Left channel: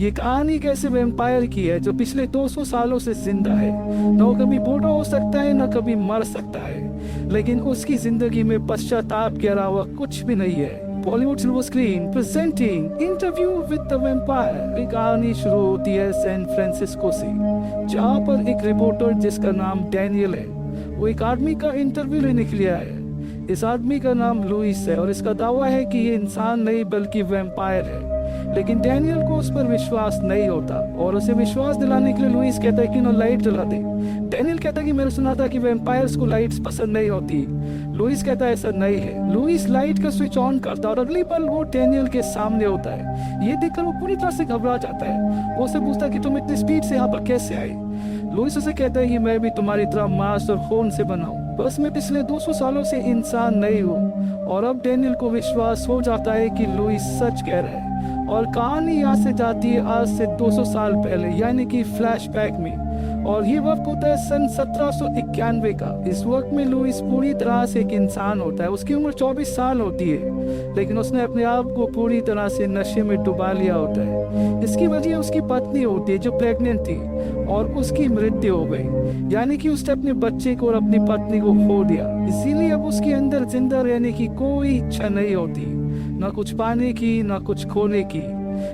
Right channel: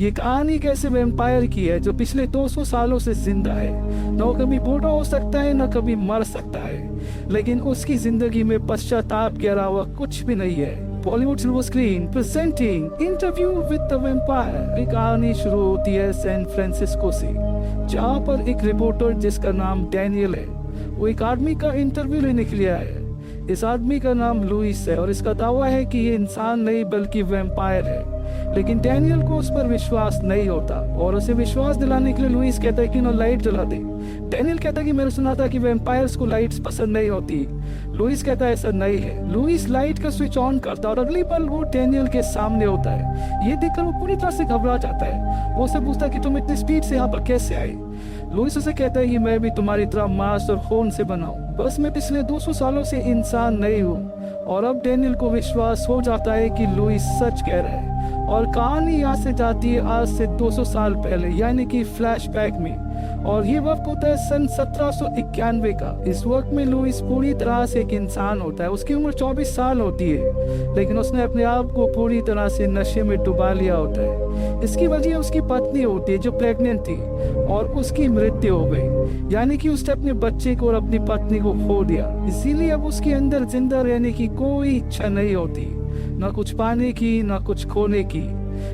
ये कहानी कैसे वैम्पायर की है जो पिछले 200 सालों से जिंदा है। न कभी बूढ़ा हो सकता है, न कभी मर सकता है, लेकिन उसकी जिंदगी में पश्चाताप के अलावा कुछ भी नहीं है। Bollywood silver screen presenting interview with the vampire. कहानी शुरू होती है सैन फ्रांसिस्को से, जहाँ पर एक रिपोर्टर जिसका नाम डैनियल है, वो एक आदमी का इंटरव्यू लेने के लिए आया है। इस आदमी का नाम लुइस है और इसका दावा है कि ये इंसान नहीं बल्कि वैम्पायर है। लेकिन डैनियल को उस पर विश्वास नहीं होता और उसे विश्वास दिलाने के लिए लुइस कहता है कि ना लाइट जला दे। डैनियल कहता है कि मैंने सुना था कि वैम्पायर्स को लाइट्स पसंद नहीं होती। लुइस कहता है ऐसा नहीं है। लुइस लाइट का स्विच ऑन करता है और अगली पल वो डैनियल के सामने होता है। ये देखकर वो पूरी तरह से घबरा जाता है। वो उसे पूछता है कि तुम इतनी स्पीड से यहाँ पर कैसे आए। लुइस उसे कहता है कि मैं भी तुम्हारी तरह मांस और खून से बना हूँ, बस मैं पिछले 200 सालों से इंसान नहीं हूँ। और अब डैनियल को विश्वास हो जाता है कि लुइस सच कह रहा है और कहानी यहाँ से जाती है आज से 200 साल पहले, यानी कि फ्लैशबैक में। और ये वक्त होता है सन 1791 का। इस वक्त में लुइस पूरी तरह से एक इंसान होता है। उसकी उम्र 24 साल होती है, लेकिन उसने अपने आप को पूरी तरह से नशे में डुबा लिया होता है। इसकी वजह उसकी पत्नी होती है जो प्रेग्नेंट थी और उसकी मृत्यु हो गई, यानी कि उसने अपने बच्चे को और अपनी पत्नी को खो दिया। इसीलिए अब उसके अंदर जिंदा रहने की कोई इच्छा नहीं होती, न कुछ पाने की न कुछ खोने की।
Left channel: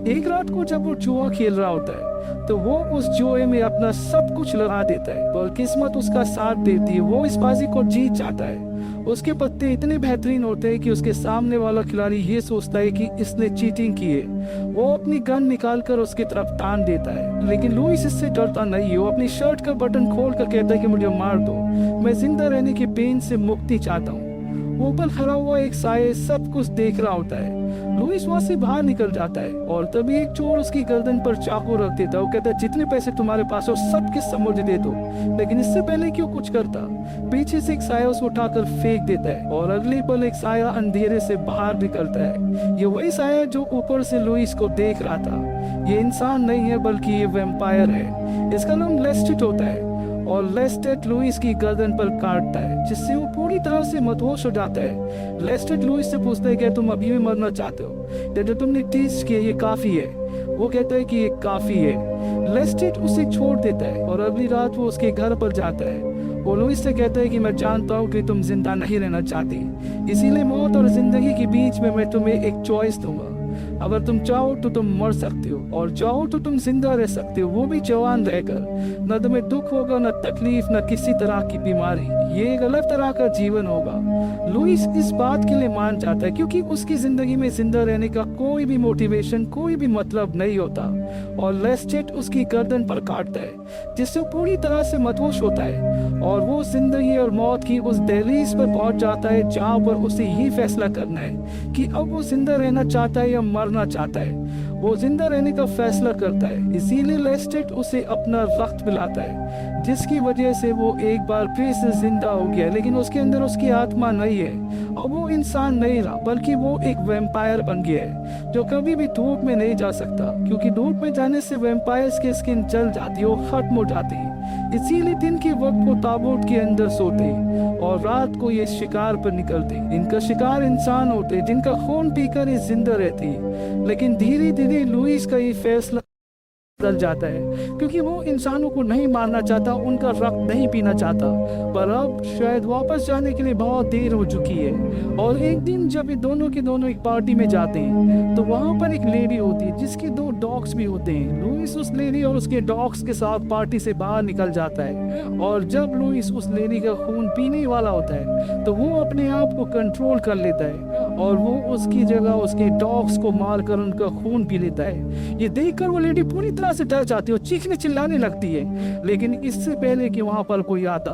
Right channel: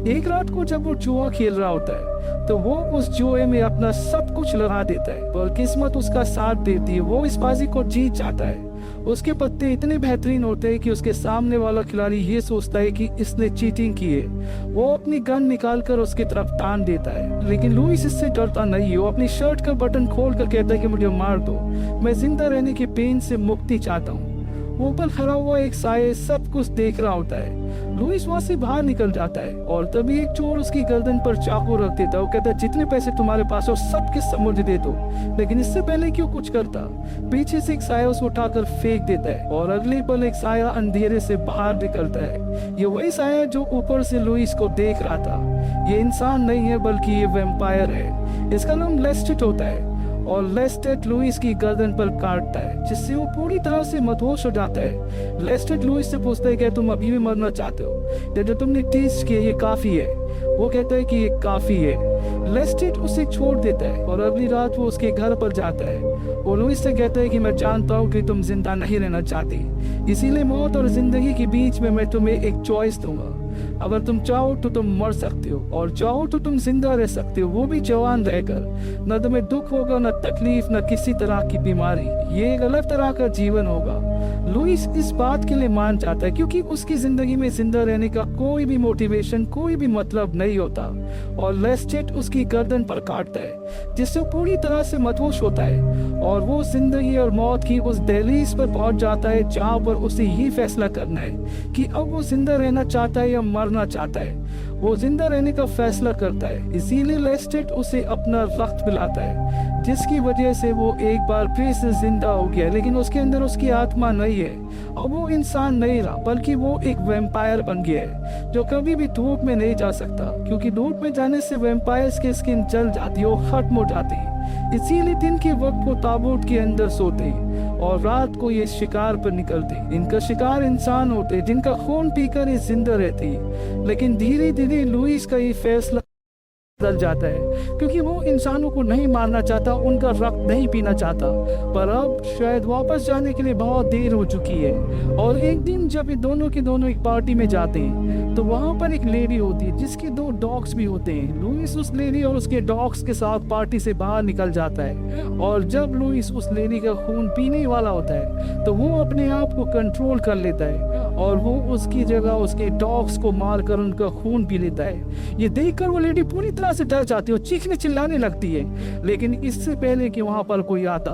एक रात को जब वो जुआ खेल रहा होता है तो वो उस जुए में अपना सब कुछ लगा देता है, पर किस्मत उसका साथ देती है। वो इस बाजी को जीत जाता है। उसके पत्ते इतने बेहतरीन होते हैं कि उसके सामने वाला खिलाड़ी ये सोचता है कि इसने चीटिंग की है। वो अपनी गन निकालकर उसकी तरफ तान देता है, लेकिन लुइस इससे डरता नहीं है। वो अपनी शर्ट का बटन खोल कर कहता है कि मुझे मार दो, मैं जिंदा रहने के पेन से मुक्ति चाहता हूँ। वो ऊपर खड़ा हुआ एक साये सब कुछ देख रहा होता है। लुइस वहां से बाहर निकल जाता है और तभी एक चोर उसकी गर्दन पर चाकू रख देता है। वो कहता है जितने पैसे तुम्हारे पास हो सब के सब मुझे दे दो, लेकिन इससे पहले क्यों कुछ करता। पीछे से एक साया उसको उठाकर फेंक देता है और अगले पल एक साया अंधेरे से बाहर निकलता है। ये वही साया जो ऊपर से लुइस को देख रहा था। ये इंसान नहीं है बल्कि ये वैम्पायर है। इसका नाम लेस्टेट होता है और लेस्टेट लुइस की गर्दन पर काटता है, जिससे वो पूरी तरह से मदहोश हो जाता है। लेस्टेट लुइस से पूछता है कि तुम अभी भी मरना चाहते हो, जो तुमने टेस्ट किया ये काफी है। वो कहता है कि ये काफी है। लेस्टेट उसे छोड़ देता है और अगली रात वो उसके घर पर जाता है। वो लुइस से कहता है कि मैं जानता हूँ कि तुम जिंदा नहीं रहना चाहती, इसीलिए मौत और जिंदगी के बीच में मैं तुम्हें एक चॉइस दूंगा। अगर तुम चाहो तो तुम मर सकते हो और चाहो तो तुम जिंदा रह सकते हो, वो भी जवान रहकर। न तुम्हें दुख होगा, न तकलीफ, न किसी तरह की बीमारी। ये एक अलग तरह का जीवन होगा। लुइस इस बात के लिए मान जाता है क्योंकि उसकी जिंदगी में जिंदा रहने का कोई भी मोटिवेशन, कोई भी मतलब नहीं होता। और लेस्टेट उसकी गर्दन पर काटता है, जिससे वो पूरी तरह से मदहोश होता है और वो जिंदगी और मौत की उस दहलीज पर पहुंच जाता है जहां पर उसे ही फैसला करना है कि अब वो जिंदा रहना चाहता है या मरना चाहता है। वो जिंदा रहने का फैसला करता है, इसीलिए लेस्टेट उसे अपना रक्त पिलाता है, जिसकी वजह से वो एक बार फिर से जिंदा हो गया। लेकिन उसके अंदर उसकी आत्मा नहीं है और वो इंसान नहीं रहा, बल्कि वो एक वैम्पायर बन गया है जो कभी भी धूप में नहीं जा सकता, क्योंकि धूप में जाने से वैम्पायर्स की स्किन जल जाती है, वो खत्म हो जाती है। इसीलिए दिन के वक्त वो ताबूत के अंदर सोते और रात को ये शिकार पर निकलते। इनका शिकार इंसान होते जिनका खून पीकर ये जिंदा रहती। लेकिन धीरे धीरे लुइस का ये फैसला बदल जाता है, क्योंकि वो इंसानों को नहीं मारना चाहता, उनका रक्त नहीं पीना चाहता। पर अब शायद वापस जाने के लिए बहुत देर हो चुकी है। और एक दिन जब ये दोनों के दोनों एक पार्टी में जाते हैं तो वहाँ पर एक लेडी होती है जिसके 2 डॉग्स भी होते हैं। लुइस उस लेडी और उसके डॉग्स के साथ पार्टी से बाहर निकल जाता है और जब लुइस उस लेडी का खून पीने वाला होता है तो वो अपने आप को कंट्रोल कर लेता है और वो उसकी जगह उसके डॉग्स को मारकर उनका खून पी लेता है। ये देखकर वो लेडी पूरी तरह से डर जाती है और चीखने चिल्लाने लगती है। लेकिन इससे पहले कि वहाँ पर कोई आता,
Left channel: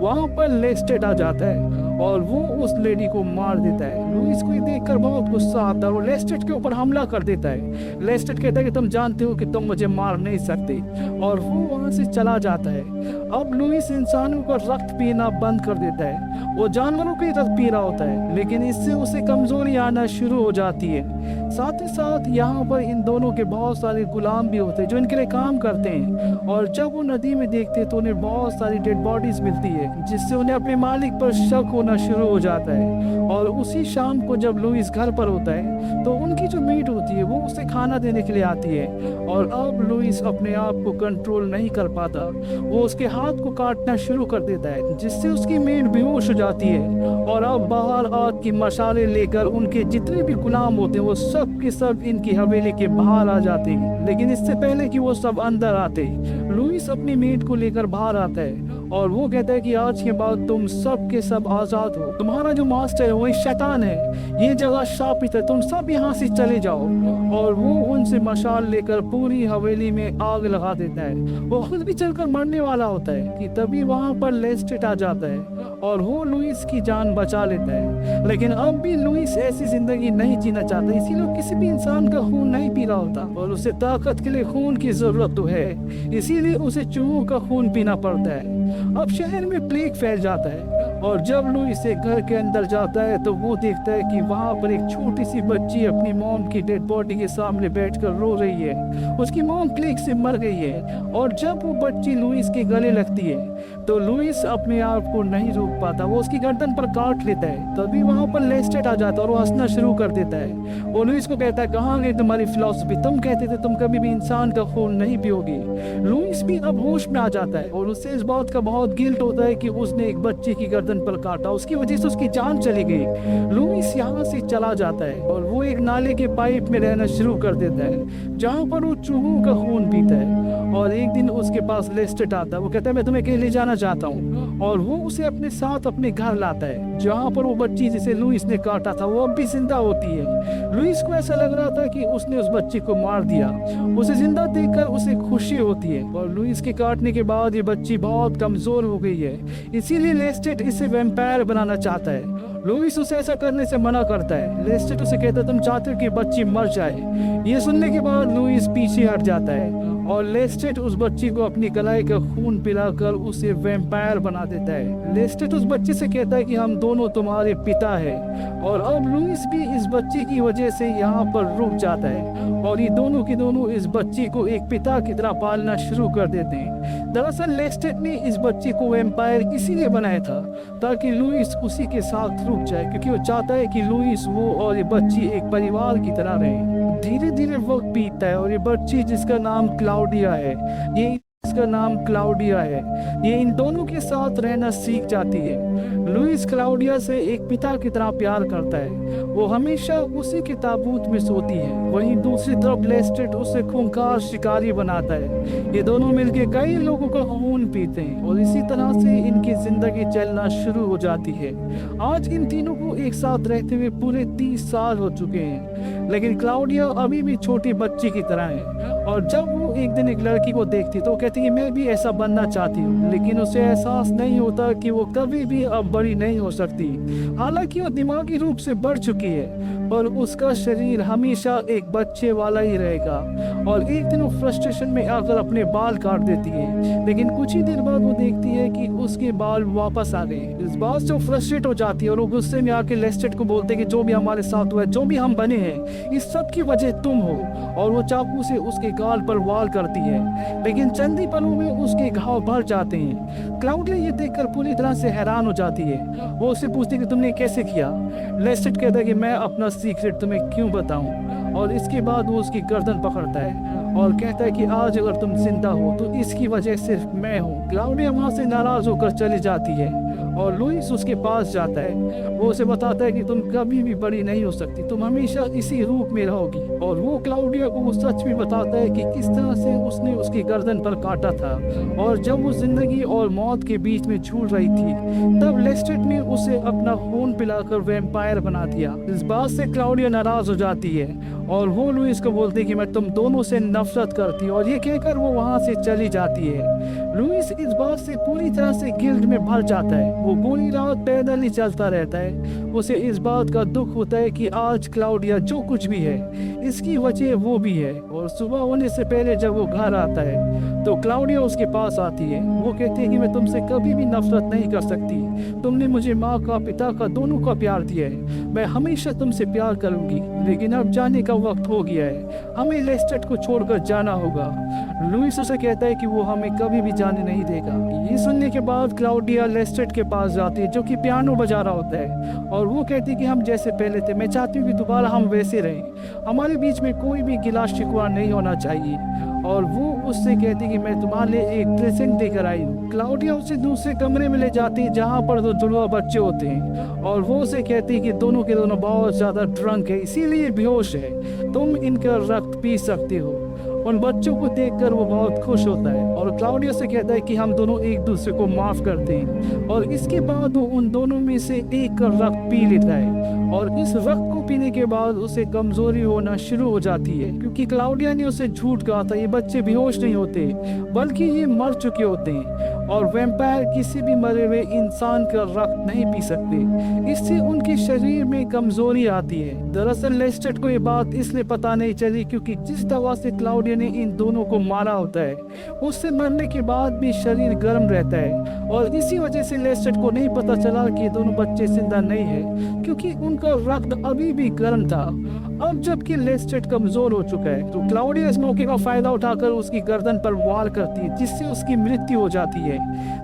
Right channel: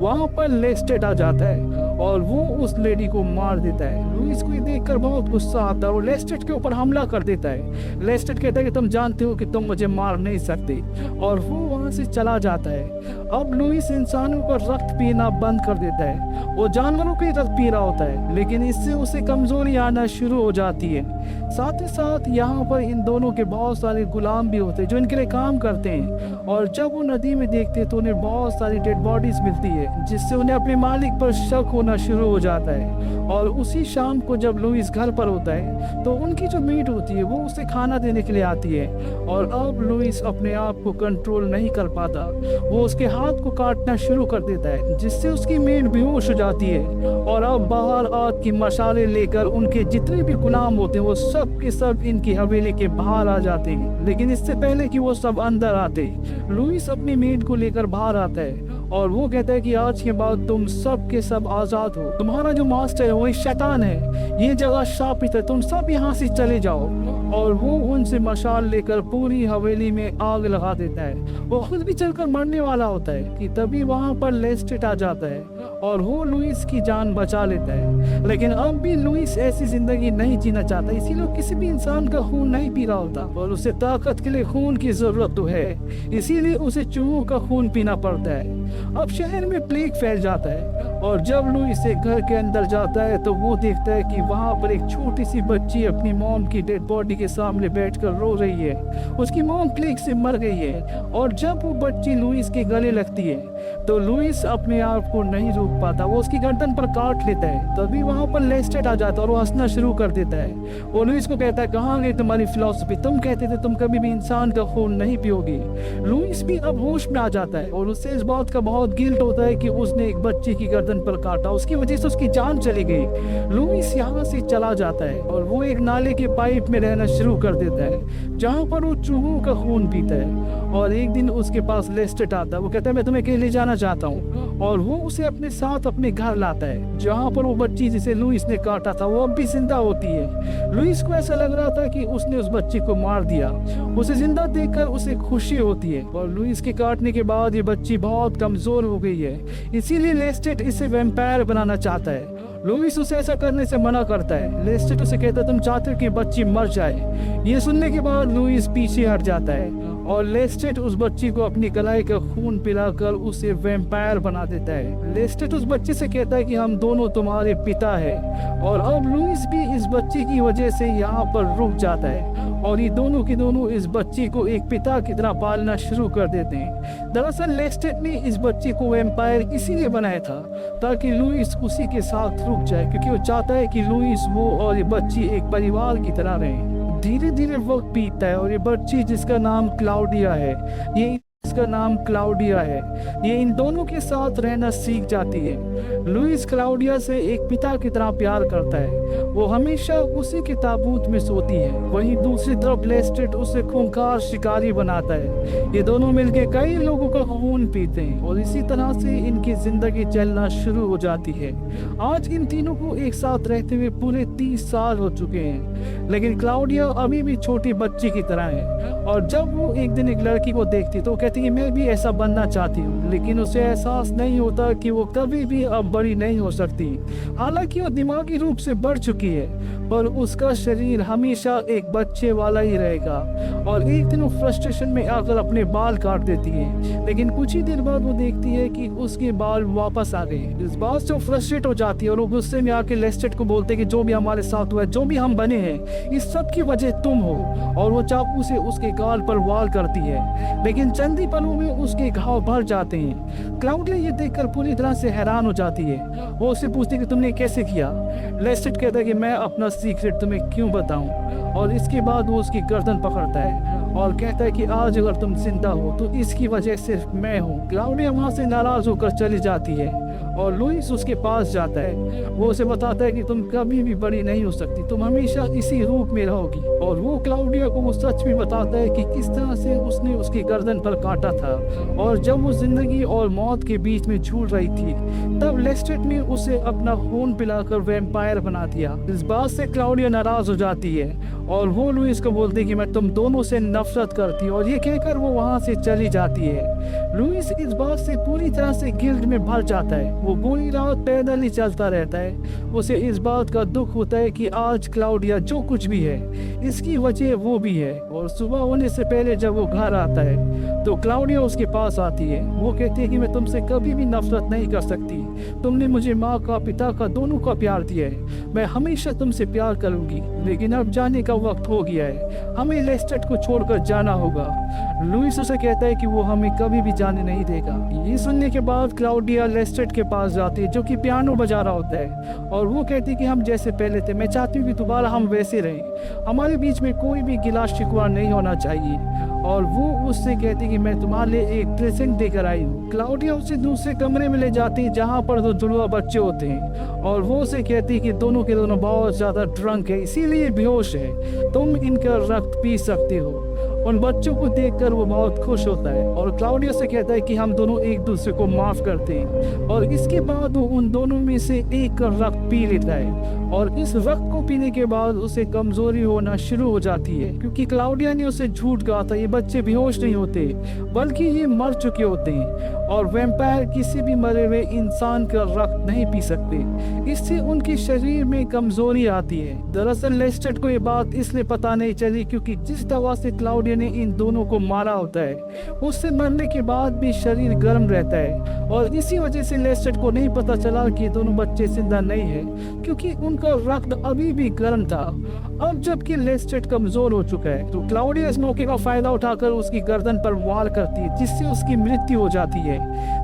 वहाँ पर लेस्टेट आ जाता है और वो उस लेडी को मार देता है। लुइस को ये देखकर बहुत गुस्सा आता है और लेस्टेट के ऊपर हमला कर देता है। लेस्टेट कहता है कि तुम जानते हो कि तुम मुझे मार नहीं सकते, और वो वहाँ से चला जाता है। अब लुइस इंसानों का रक्त पीना बंद कर देता है वो जानवरों की तरह पी रहा होता है, लेकिन इससे उसे कमजोरी आना शुरू हो जाती है। साथ ही साथ यहाँ पर इन दोनों के बहुत सारे गुलाम भी होते हैं जो इनके लिए काम करते हैं, और जब वो नदी में देखते हैं तो उन्हें बहुत सारी डेड बॉडीज मिलती है, जिससे उन्हें अपने मालिक पर शक होना शुरू हो जाता है। और उसी शाम को जब लुइस घर पर होता है तो उनकी जो मेड होती है वो उसे खाना देने के लिए आती है, और अब लुइस अपने आप को कंट्रोल नहीं कर पाता। वो उसके हाथ को काटना शुरू कर देता है, जिससे उसकी मेड बेहोश हो जाती है। और अब बाहर आग की मशाले लेकर उनके जितने भी गुलाम होते हैं वो सब के सब इनकी हवेली के बाहर आ जाते हैं। लेकिन इससे पहले कि वो सब अंदर आते, लुइस अपनी मेड को लेकर बाहर आता है और वो कहता है कि आज के बाद तुम सब के सब आजाद हो। तुम्हारा जो मास्टर है वो एक शैतान है, ये जगह शापित है, तुम सब यहाँ से चले जाओ। और वो उनसे मशाल लेकर पूरी हवेली में आग लगा देता है। वो खुद भी चलकर मरने वाला होता है कि तभी वहाँ पर लेस्टेट आ जाता है और वो लुइस की जान बचा लेता है। लेकिन अब भी लुइस ऐसी जिंदगी नहीं जीना चाहता, इसीलिए किसी भी इंसान का खून नहीं पी रहा होता, और उसे ताकत के लिए खून की जरूरत तो है, इसीलिए उसे चूहों का खून पीना पड़ता है। अब शहर में प्लेग फैल जाता है, और जब लुइस एक घर के अंदर जाता है तो वो देखता है कि वहाँ पर एक छोटी सी बच्ची अपनी मॉम की डेड बॉडी के सामने बैठकर रो रही है। उसकी मॉम प्लेग से मर गई है, और जब वो बच्ची लुइस के गले लगती है तो लुइस अपने आप को नहीं रोक पाता, वो उसकी गर्दन पर काट लेता है। तभी वहाँ पर लेस्टेट आ जाता है और वो हंसना शुरू कर देता है। वो लुइस को कहता है, कहाँ गई तुम्हारी फिलॉसफी, तुम कहते थे तुम कभी भी इंसान का खून नहीं पियोगे। लुइस भी अब होश में आ जाता है और उससे इस बात का बहुत गिल्ट होता है कि उसने एक बच्ची की गर्दन पर काटा, उसकी वजह से उसकी जान चली गई। लुइस यहाँ से चला जाता है और वो एक नाले के पाइप में रहना शुरू कर देता है, जहाँ पर वो चूहों का खून पीता है। और एक दिन उसके पास लेस्टेट आता है, वो कहता है मैं तुम्हें कहीं ले जाना चाहता हूँ, और वो उसे अपने साथ अपने घर लाता है, जहाँ पर वो बच्ची जिसे लुइस ने काटा था वो अब भी जिंदा होती है। लुइस को ऐसा लग रहा था कि उसने उस बच्ची को मार दिया। उसे जिंदा देखकर उसे खुशी होती है, और लुइस के काटने के बाद ये बच्ची बहुत कमजोर हो गई है, इसीलिए लेस्टेट इसे वैम्पायर बनाना चाहता है। लुइस उसे ऐसा करने से मना करता है। लेस्टेट उसे कहता है तुम चाहते हो कि बच्ची मर जाए। ये सुनने के बाद लुइस पीछे हट जाता है और लेस्टेट उस बच्ची को अपनी कलाई का खून पिलाकर उसे वैम्पायर बना देता है। लेस्टेट उस बच्ची से कहता है कि हम दोनों तुम्हारे पिता हैं, और अब लुइस भी इस बच्ची की वजह से यहाँ पर रुक जाता है, और ये दोनों की दोनों इस बच्ची को एक पिता की तरह पालना शुरू कर देते हैं। दरअसल लेस्टेट ने इस बच्ची को वैम्पायर इसीलिए बनाया था ताकि लुइस उसी के साथ रुक जाए, क्योंकि वो चाहता है कि लुइस, वो और ये बच्ची एक परिवार की तरह रहें। धीरे धीरे वक्त बीतता है और ये बच्ची जिसका नाम क्लाउडिया है, ये इन दोनों के साथ रहना सीख जाती है। लुइस क्लाउडिया से एक पिता की तरह प्यार करता है, वो हमेशा उसी के ताबूत में सोती है। वहीं दूसरी तरफ लेस्टेट उसे खूंखार शिकारी बनाता है। ये दोनों मिलकर कई लोगों का खून पीते हैं और इसी तरह से इनकी जिंदगी चलना शुरू हो जाती है। आज इन तीनों को एक साथ रहते हुए पूरे 30 साल हो चुके हैं, लेकिन क्लाउडिया अभी भी छोटी बच्ची की तरह है। और जब वो एक दिन एक लड़की को देखती तो कहती है मैं भी ऐसा बनना चाहती हूँ, लेकिन उसे एहसास नहीं होता कि वो कभी भी अब बड़ी नहीं हो सकती। हालांकि वो दिमागी रूप से बढ़ चुकी है, पर उसका शरीर हमेशा एक बच्चे वाला ही रहेगा। और एक दिन वो फ्रस्ट्रेशन में आकर अपने बाल काट देती है, लेकिन कुछ ही देर बाद वो देखती है कि उसके बाल वापस आ गए। इस बात से वो फ्रस्ट्रेट हो जाती है और वो गुस्से में आके लेस्टेट को बोलते कि जो भी हमारे साथ हुआ है, जो भी हम बने हैं, इस सब की वजह तुम हो। और वो चाकू से उसके गाल पर वार करती है, लेकिन चंद ही पलों में उसके घाव भर जाते हैं। क्लाउडिया ये देखकर पूरी तरह से हैरान हो जाती है। वो उससे पूछती है कि तुमने कैसे किया। लेस्टेट कहता है कि मैं अपना सीक्रेट तुम्हें क्यों बताऊं। और इसके बाद वो उसकी गर्दन पकड़ता है और कहता है कि आज अगर तुम जिंदा हो तो इसकी वजह सिर्फ मैं हूँ। क्लाउडिया वहाँ से नाराज होकर चली जाती है और लुइस उसके पास जाता है। वो उसे बताता है कि तुम कभी भी बड़ी नहीं हो सकती, तुम हमेशा इसी रूप में रहोगी। और वो क्लाउडिया को वो सच भी बताता है कि किस तरह से उसने उसकी गर्दन पर काटा था, और जब वो जिंदगी और मौत के बीच में झूल रही थी तब लेस्टेट ने उसे अपना खून पिलाकर वैम्पायर बना दिया। इस बात से क्लाउडिया नाराज हो जाती है और वो लुइस को बोलती है कि मैं तुम दोनों से नफरत करती है और ये कहकर वो वहाँ से चली जाती है। लुइस इस बात से पूरी तरह से गिल्ट में भर जाता है। वो पूरी रात पैदल ही चलता रहता है। उसे इस बात का दुख होता है कि आज क्लाउडिया जो कुछ भी है इसकी वजह वो भी है। और सुबह होने से पहले जब वो घर आता है तो क्लाउडिया उसके पास आती है। वो कहती है कि मैं तुमसे कभी भी नफरत नहीं कर सकती। तुमने मुझे माँ का पिता का दोनों का प्यार दिया है। मैं हमेशा तुमसे प्यार करूंगी, लेकिन अब जाने का वक्त हो गया है। हमें लेस्टेट को छोड़कर जाना होगा। लुइस उसे कहता है कि वो हमें कभी भी जाने नहीं देगा। ये सुनने के बाद क्लाउडिया लेस्टेट के पास जाती है जो कि पियानो बजा रहा होता है और वो कहती है कि हम जैसे पहले थे। मैं चाहती हूँ कि दोबारा हम वैसे रहें। हमारे बीच में कोई भी गिला शिकवा नहीं होना चाहिए। और वो उससे कहती कि मैं तुम्हारे लिए एक प्रेजेंट देकर आई हूँ। क्लाउडिया उसे दूसरे कमरे में ले जाती है जहाँ पर दो जुड़वा बच्चे होते हैं और वो उसे कहती है कि दोनों के दोनों बहुत ज़्यादा ड्रंक है, इसीलिए बेहोश है। तुम इनका रक्त पी सकते हो। उन बच्चों को देखकर वो बहुत खुश होता है और क्लाउडिया से कहता है कि हम दोनों एक दूसरे को माफ करते हैं। और इसके बाद वो उन दोनों में से एक का रक्त पी लेता है और इस रक्त को पीने के बाद उसे कमजोरी होना शुरू हो जाती है, क्योंकि क्लाउडिया ने उसे झूठ कहा था ये बच्चे बेहोश नहीं होते बल्कि ये मर चुके होते हैं और वैम्पायर किसी भी मरे हुए इंसान का रक्त नहीं पी सकते। इससे उनके शरीर में कमजोरी आती है। दरअसल लेस्टेट को ये बात इसलिए पता नहीं चली क्योंकि जिस दवा से क्लाउडिया ने इन दोनों को मारा होता है उससे मरने के बाद भी शरीर गर्म रहता है और इसी वजह से लेस्टेट को नहीं पता चला कि दोनों बच्चे जिंदा नहीं है, क्योंकि उनका रक्त अभी भी गर्म था। अब जबकि लेस्टेट कमजोर हो चुका है तो क्लाउडिया इस मौके का फायदा उठाकर उसकी गर्दन पर वार करती है जिससे उसकी मृत्यु हो जाती है।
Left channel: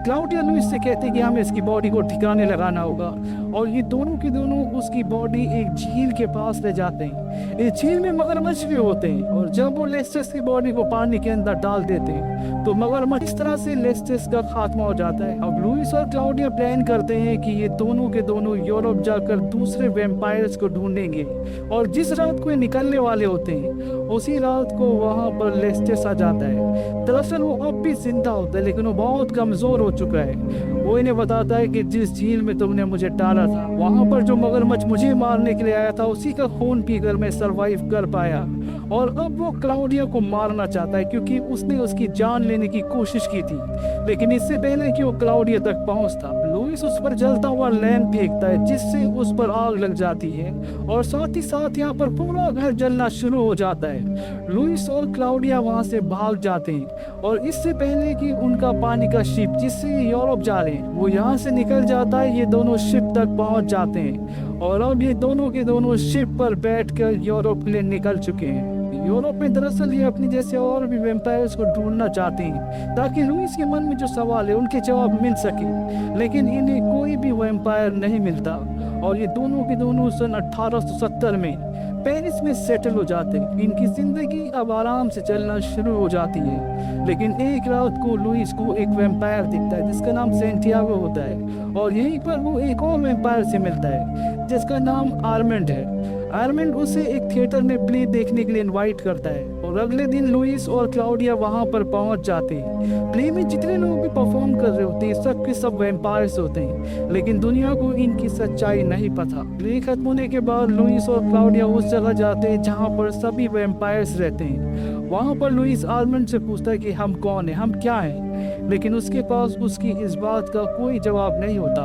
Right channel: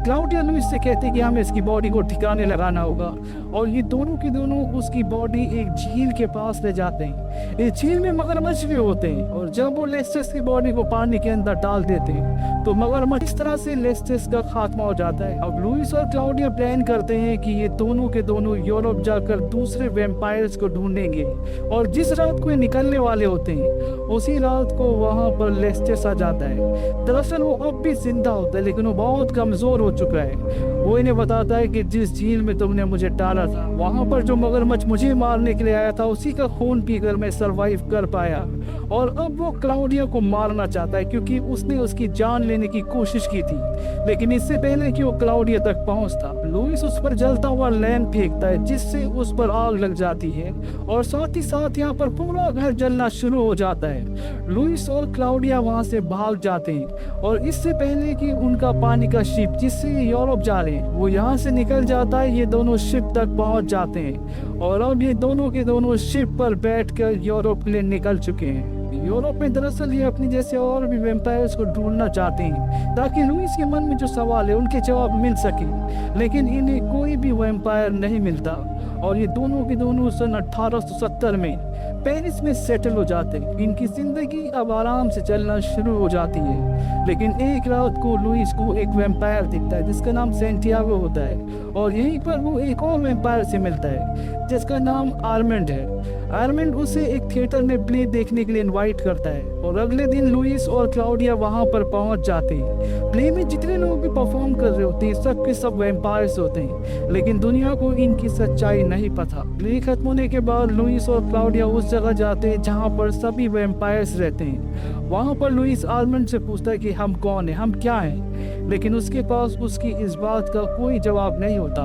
क्लाउडिया लुइस से कहते हैं कि हमें इसकी बॉडी को ठिकाने लगाना होगा और ये दोनों के दोनों उसकी बॉडी एक झील के पास ले जाते हैं। इस झील में मगरमच्छ भी होते हैं और जब वो लेस्टेस की बॉडी को पानी के अंदर डाल देते हैं तो मगरमच्छ इस तरह से लेस्टेस का खात्मा हो जाता है। अब लुइस और क्लाउडिया प्लान करते हैं कि ये दोनों के दोनों यूरोप जाकर दूसरे वैम्पायर्स को ढूंढेंगे और जिस रात को ये निकलने वाले होते हैं उसी रात को वहां पर लेस्टेस आ जाता है। दरअसल वो अब भी जिंदा होता है लेकिन वो बहुत कमजोर हो चुका है। वो इन्हें बताता है कि जिस झील में तुमने मुझे डाला था वहां पर जो मगरमच्छ मुझे मारने के लिए आया था उसी का खून पीकर मैं सरवाइव कर पाया और अब वो क्लाउडिया को मारना चाहता है क्योंकि उसने उसकी जान लेने की कोशिश की थी। लेकिन इससे पहले कि वो क्लाउडिया तक पहुंचता लुइस उस पर जलता हुआ लैंप फेंकता है जिससे उस पर आग लग जाती है और साथ ही साथ यहाँ पर पूरा घर जलना शुरू हो जाता है। लुइस और क्लाउडिया वहां से भाग जाते हैं और इससे पहले कि उनका पानी का शिप जिससे यूरोप जा रहे हैं वो यहाँ से निकल जाता है, ये दोनों शिप तक पहुंच जाते हैं और अब ये दोनों के दोनों शिप पर बैठकर यूरोप के लिए निकल चुके हैं। यूरोप में दरअसल ये अपने जैसे और भी वैम्पायर्स को ढूंढना चाहते हैं ताकि लुइस के मन में जो सवाल है उनके जवाब मिल सके, लेकिन इन्हें कोई भी वैम्पायर नहीं मिलता और ये दोनों के दोनों सन 1870 में पेरिस में सेटल हो जाते हैं। इनकी जिंदगी अब आराम से चलना शुरू हो जाती है। लेकिन एक रात को लुइस को एक वैम्पायर दिखता है जिसका नाम सेंटियागो होता है और यहीं पर वो एक और वैम्पायर से मिलता है जिसका नाम आर्मेंड है। आर्मेंड उसे एक थिएटर में प्ले देखने के लिए इनवाइट करता है और अगले दिन लुइस और क्लाउडिया वहां पर पहुंच जाते हैं। प्ले में जितने लोग भी परफॉर्म कर रहे होते हैं सब के सब वैम्पायर्स होते हैं, लेकिन दुनिया को इनकी सच्चाई नहीं पता। प्ले खत्म होने के बाद लुइस और क्लाउडिया उस जगह जाते हैं जहां पर सभी वैम्पायर्स रहते हैं। वहां पर लुइस आर्मेंड से पूछता है कि हम कौन है, हम क्या हैं, लेकिन उसके पास उसकी इस बात का कोई जवाब नहीं होता।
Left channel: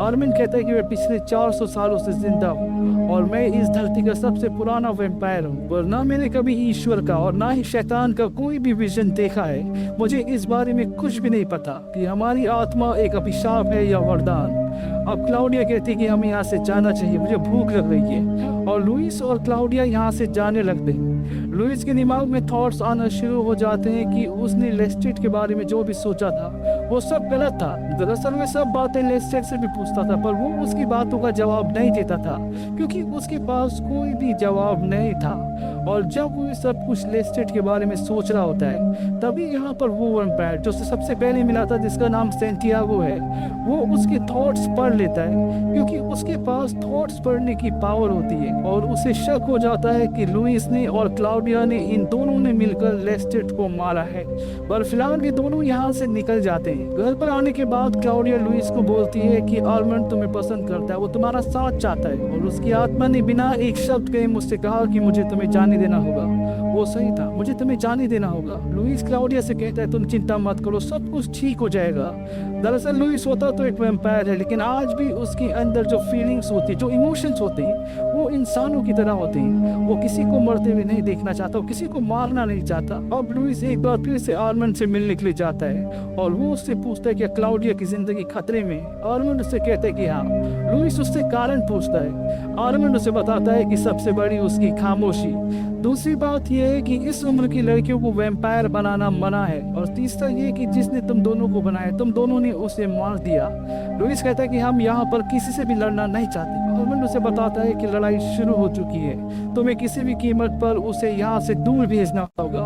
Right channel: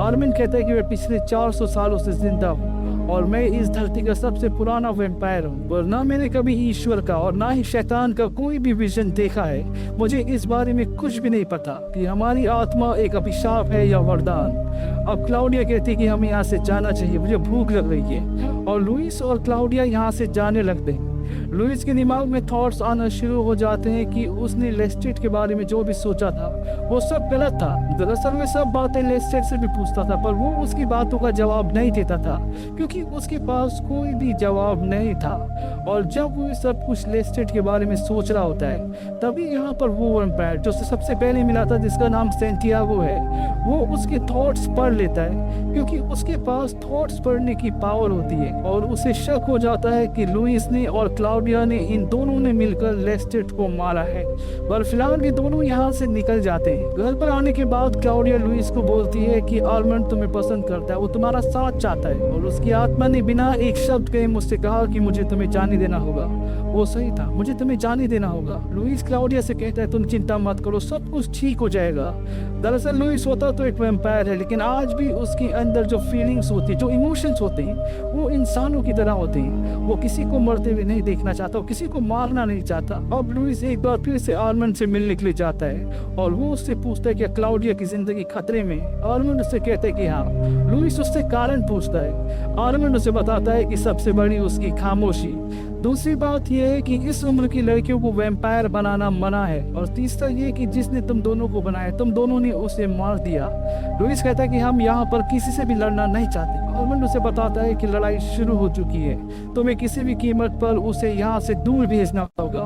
आर्मेंड कहता है कि मैं पिछले 400 सालों से जिंदा हूँ और मैं इस धरती का सबसे पुराना वैम्पायर हूँ, पर ना मैंने कभी ईश्वर का और ना ही शैतान का कोई भी विजन देखा है। मुझे इस बारे में कुछ भी नहीं पता कि हमारी आत्मा एक अभिशाप है या वरदान। अब क्लाउडिया कहती है कि हमें यहाँ से जाना चाहिए, मुझे भूख लग रही है और लुइस और क्लाउडिया यहाँ से जाने लगते हैं। लुइस के दिमाग में थॉट्स आना शुरू हो जाते हैं कि उसने लेस्टेट के बारे में जो भी सोचा था वो सब गलत था। दरअसल वे सब बातें लेस्टेट से भी पूछता था पर वो उसकी बातों का जवाब नहीं देता था क्योंकि उसके पास कोई भी जवाब नहीं था। और जब वो सब कुछ लेस्टेट के बारे में सोच रहा होता है तभी यहाँ पर वो वैम्पायर जो सबसे पहले मिला था जिसका नाम सेंटियागो है वो उसके थॉट्स पढ़ लेता है क्योंकि उसके पास थॉट्स पढ़ने की पावर होती है और उसे शक हो जाता है कि लुइस ने और क्लाउडिया ने इन दोनों ने मिलकर लेस्टेट को मारा है। पर फिलहाल ये दोनों यहाँ से निकल जाते हैं। घर पर आने के बाद क्लाउडिया लुइस को बोलती है कि आर्मंड तुम्हें पसंद करता है, वो तुम्हारा साथ चाहता है। और उसकी आत्मा ने बिना एक शब्द कहे मुझसे कहा कि मुझे तुम्हें जाने देना होगा। वो सही था, मुझे तुम्हें जाने देना होगा। लुइस क्लाउडिया से कहता है तुम चिंता मत करो, सब कुछ ठीक हो जाएगा। दरअसल लुइस होता तो एक वैम्पायर है, लेकिन आज भी उसके अंदर जो फीलिंग्स होती है, जो इमोशंस होते हैं, वो इंसानों की तरह होते हैं। वो किसी को मरते हुए नहीं देखना चाहता, वो किसी को मारना नहीं चाहता। अब लुइस एक बार फिर से आर्मंड से मिलने के लिए जाता है और वो उससे पूछता है कि क्लाउडिया की जिंदगी खतरे में। आर्मंड उससे कहता है कि हाँ। लुइस उससे कारण पूछता है। आर्मंड उसे बताता है कि सबसे बड़ी उसकी खामोशी। दूसरी बात यह है कि इस उम्र की लड़कियों को वैम्पायर बनाना मना है। और तीसरा ये कि जिसने तुम दोनों को बनाया, तुम दोनों ने उसे मार दिया। लुइस कहता है कि हम यहाँ पर किसी से भी लड़ना नहीं चाहते। आर्मंड उसे बताता है कि लड़ाई शुरू हो चुकी है, तुम्हें किसी भी कीमत पर उसे यहाँ से दूर भेजना होगा।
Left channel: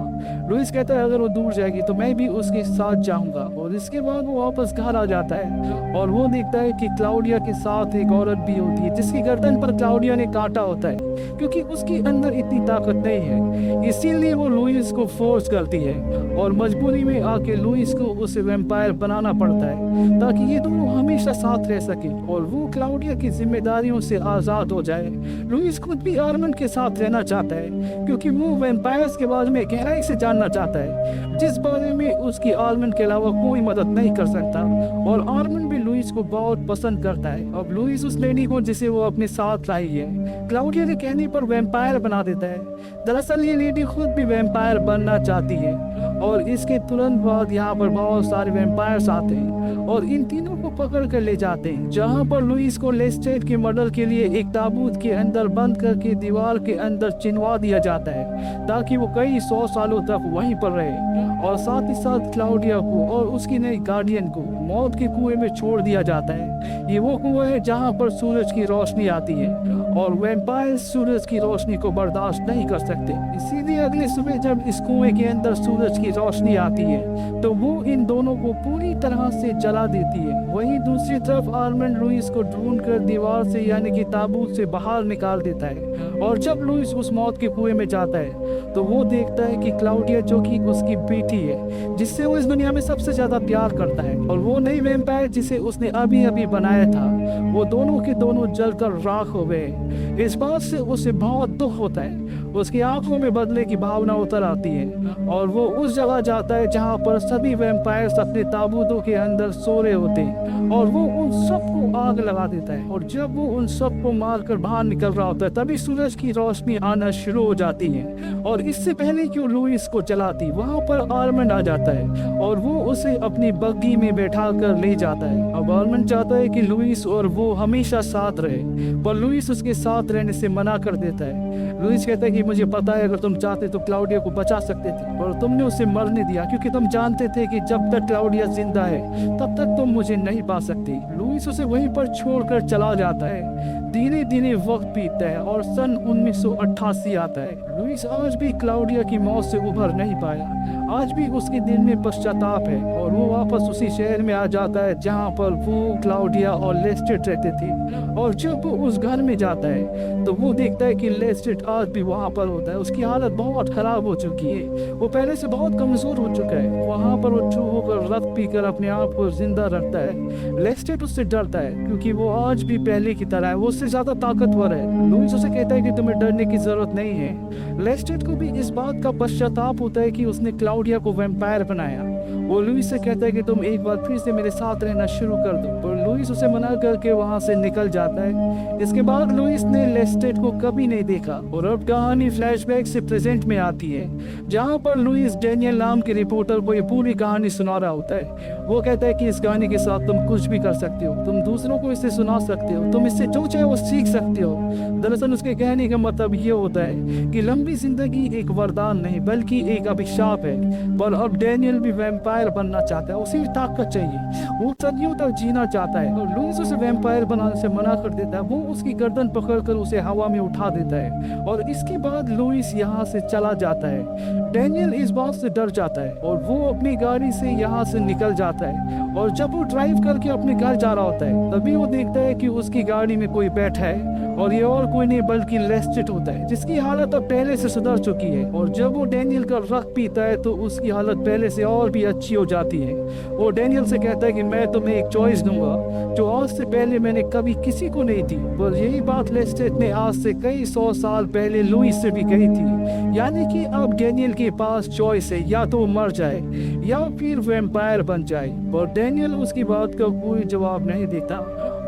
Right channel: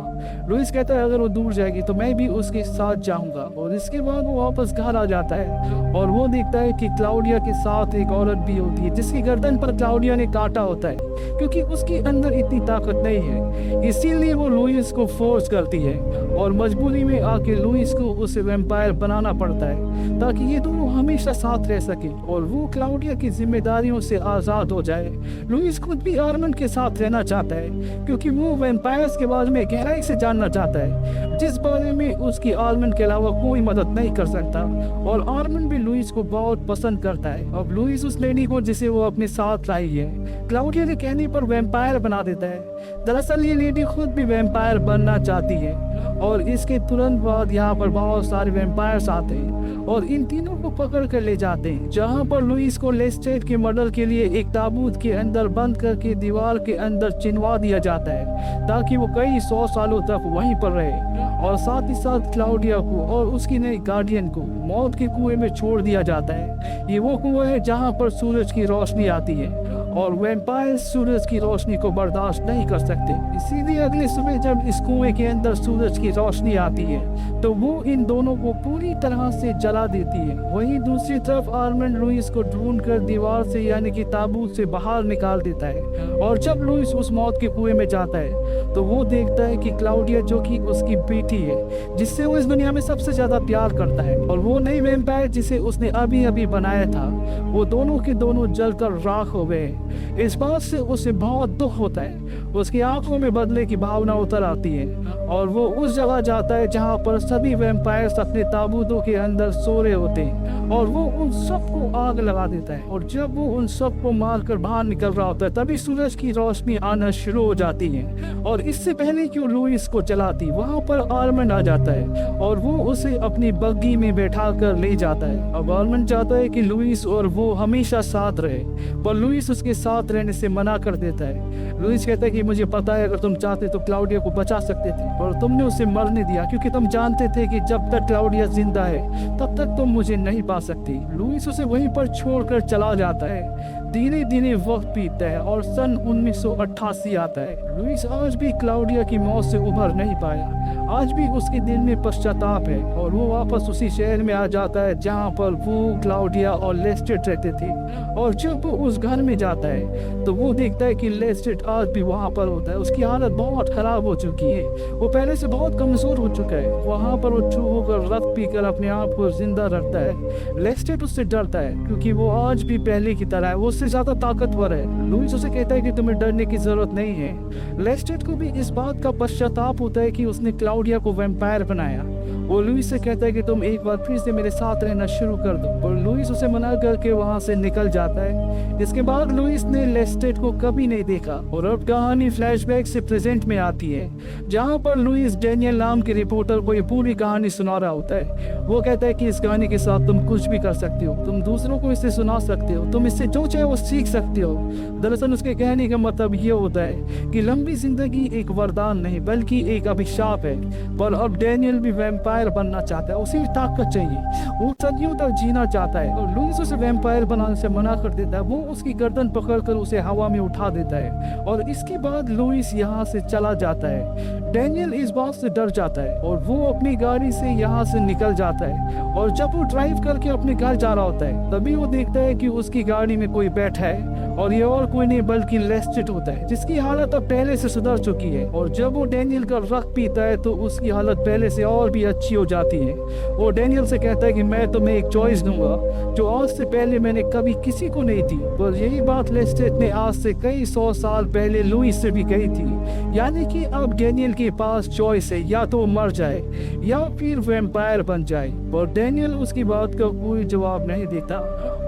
लुइस कहता है अगर वो दूर जाएगी तो मैं भी उसके साथ जाऊंगा। और इसके बाद वो वापस घर आ जाता है और वो देखता है कि क्लाउडिया के साथ एक औरत भी होती है, जिसकी गर्दन पर क्लाउडिया ने काटा होता है, क्योंकि उसके अंदर इतनी ताकत नहीं है। इसीलिए वो लुइस को फोर्स करती है और मजबूरी में आके लुइस को उसे वैम्पायर बनाना पड़ता है, ताकि ये दोनों हमेशा साथ रह सके और वो क्लाउडिया की जिम्मेदारियों से आजाद हो जाए। लुइस खुद भी आर्मंड के साथ रहना चाहता है, क्योंकि वो वैम्पायर्स के बारे में गहराई से जानना चाहता है, जिस बारे में उसकी आर्मंड के अलावा कोई मदद नहीं कर सकता। और आर्मंड भी लुइस को बहुत पसंद करता है। अब लुइस उस लेडी को जिसे वो अपने साथ लाई है, क्लाउडिया के कहने पर वैम्पायर बना देता है। दरअसल ये लेडी खुद भी वैम्पायर बनना चाहती है। और इसके तुरंत बाद यहाँ पर बहुत सारे वैम्पायर्स आते हैं और इन तीनों को पकड़ कर ले जाते हैं, जहाँ पर लुइस को लेस्टेट के मर्डर के लिए एक ताबूत के अंदर बंद करके दीवार के अंदर चिनवा दिया जाता है, ताकि वो कई 100 सालों तक वहीं पर रहे। और साथ ही साथ क्लाउडिया को और उसकी नई गार्डियन को मौत के कुएं में छोड़ दिया जाता है। ये वो कुआं है जहाँ पर सूरज की रोशनी आती है और वैम्पायर सूरज की रोशनी को बर्दाश्त नहीं कर सकते। इसीलिए अगले सुबह जब इस कुएं के अंदर सूरज की रोशनी आती है तो वो इन दोनों को पूरी तरह से जला देती है। वहीं दूसरी तरफ आर्मंड लुइस को ढूंढकर दीवार से यानी कि ताबूत से बाहर निकाल देता है। और जब लुइस उस मौत के कुएं में जाता है तो वो देखता है कि क्लाउडिया, जो कि उसकी बेटी है, जिससे वो इस दुनिया में सबसे ज्यादा प्यार करता है, और वो नई वैम्पायर जिसे उसने अभी अभी बनाया था, वो दोनों के दोनों जलकर राख हो गए। इस बात से उसे बहुत दुख होता है। उसकी आंखों में बदले की भावना उतर आती है और वो उस जगह जाता है जहाँ पर सभी वैम्पायर्स अपने ताबूतों के अंदर सो रहे होते हैं और वो उन सबको आग लगा देता है। और जब वो उन सबको मारकर बाहर निकल रहा होता है तभी सूरज की रोशनी आना शुरू हो जाती है। और इससे पहले कि वो लुइस को जलाती, वहाँ पर आर्मंड आ जाता है और वो उसे अपनी बग्गी में बैठा कर ले जाता है। अब आर्मंड चाहता है कि लुइस और वो हमेशा साथ रहे, पर लुइस उसके साथ रहने से मना कर देता है। लुइस कहता है कि मुझे पता है अगर तुम चाहते तो क्लाउडिया को बचा सकते थे, पर तुमने उसे मरने दिया क्योंकि तुम जानते थे कि जब तक क्लाउडिया जिंदा है तब तक तुम मुझे नहीं पा सकते। लुइस उसे वहीं पर छोड़कर चला जाता है। धीरे धीरे वक्त बीतता है और सन 1988 आता है। लुइस आज भी क्लाउडिया की मौत से उभर नहीं पाया। आज भी उसके दिल में पश्चाताप है और वो वापस उसी शहर में आ जाता है जहाँ पर वो, क्लाउडिया और लेस्टेट रहते थे। और जब वो उस घर में जाता है तो वो देखता है कि लेस्टेट आज भी वहाँ पर होता है। उसकी हालत बहुत खराब हो चुकी है, वो पहले से बहुत कमजोर हो चुका है। वहाँ पर वो चूहों होकर रक्त पीकर अपने आप को जिंदा रखता है। लेस्टेट उससे डरता है क्योंकि वो आज भी पहले की तरह है, वो उससे ज्यादा ताकतवर है। लुइस उसे कहता है कि तुम्हें डरने की जरूरत नहीं है। लेस्टेट को भी इस बात का पश्चाताप होता है कि उसने क्लाउडिया को वैम्पायर बनाया। वो लुइस से कहता है कि तुम एक बार फिर से मेरे साथ रहना शुरू कर दो, पर लुइस उसे मना करके वहाँ से निकल जाता है। इसके बाद लुइस ने लेस्टेट को कभी नहीं देखा और अब कहानी फ्लैशबैक से प्रेजेंट में आती है, जहाँ पर लुइस डेनियल नाम के रिपोर्टर को ये पूरी कहानी सुना रहा होता है। वो कहता है कि इस कहानी के साथ तुम कुछ भी कर सकते हो, तुम दूसरों को इसे सुना सकते हो, तुम इससे जो चाहे वो सीख सकते हो। दरअसल उसके कहने का मतलब ये होता है कि लंबी जिंदगी एक वरदान नहीं बल्कि एक अभिशाप है। पर अब डेनियल भी वैम्पायर बनना चाहता है, उसे ताकत चाहिए, वो सदियों तक जीना चाहता है। और लुइस उसे वैम्पायर बनाने से मना कर देता है। वो उसकी गर्दन पकड़कर उसे हवा में उठा देता है और इसके बाद लुइस यहाँ से चला जाता है। डेनियल इस बात से डर जाता है और वो अपनी गाड़ी से यहाँ से निकल जाता है। और जब वो ड्राइव करके अपने घर जा रहा होता है तभी वो देखता है कि उसकी गाड़ी में कोई बैठा है और ये और कोई नहीं बल्कि लेस्टेट होता है, जिसकी हालत अब पहले से सुधर चुकी है। और जब वो डैनियल का रक्त पीता है तो उसकी हालत पहले से और भी अच्छी हो जाती है। वो डैनियल से कहता है कि मैं तुम्हें एक चॉइस दूंगा जो आज से पहले मैंने कभी किसी को नहीं दी। पर यही बात लेस्टेट ने आज से कई 100 साल पहले लुइस से भी कही थी, यानी कि अब डैनियल के पास चॉइस है, या तो मर जाए या फिर वैम्पायर बन जाए। पर डैनियल उसकी बात का कोई जवाब नहीं देता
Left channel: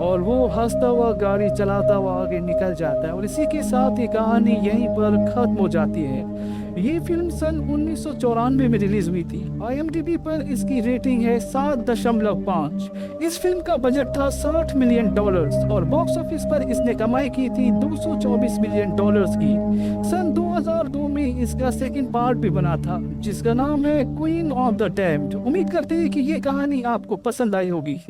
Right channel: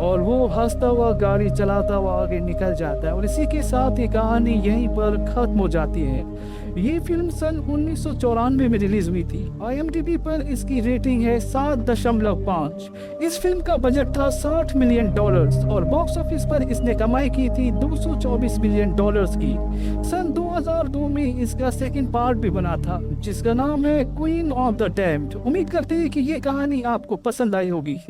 और वो हंसता हुआ गाड़ी चलाता हुआ आगे निकल जाता है। और इसी के साथ ये कहानी यहीं पर खत्म हो जाती है। ये फिल्म सन 1994 में रिलीज हुई थी। IMDb पर इसकी रेटिंग है 7.5। इस फिल्म का बजट था $60 मिलियन और बॉक्स ऑफिस पर इसने कमाई की थी $224 मिलियन की। सन 2002 में इसका सेकंड पार्ट भी बना था जिसका नाम है क्वीन ऑफ द डैम्ड। उम्मीद करते हैं कि ये कहानी आपको पसंद आई होगी।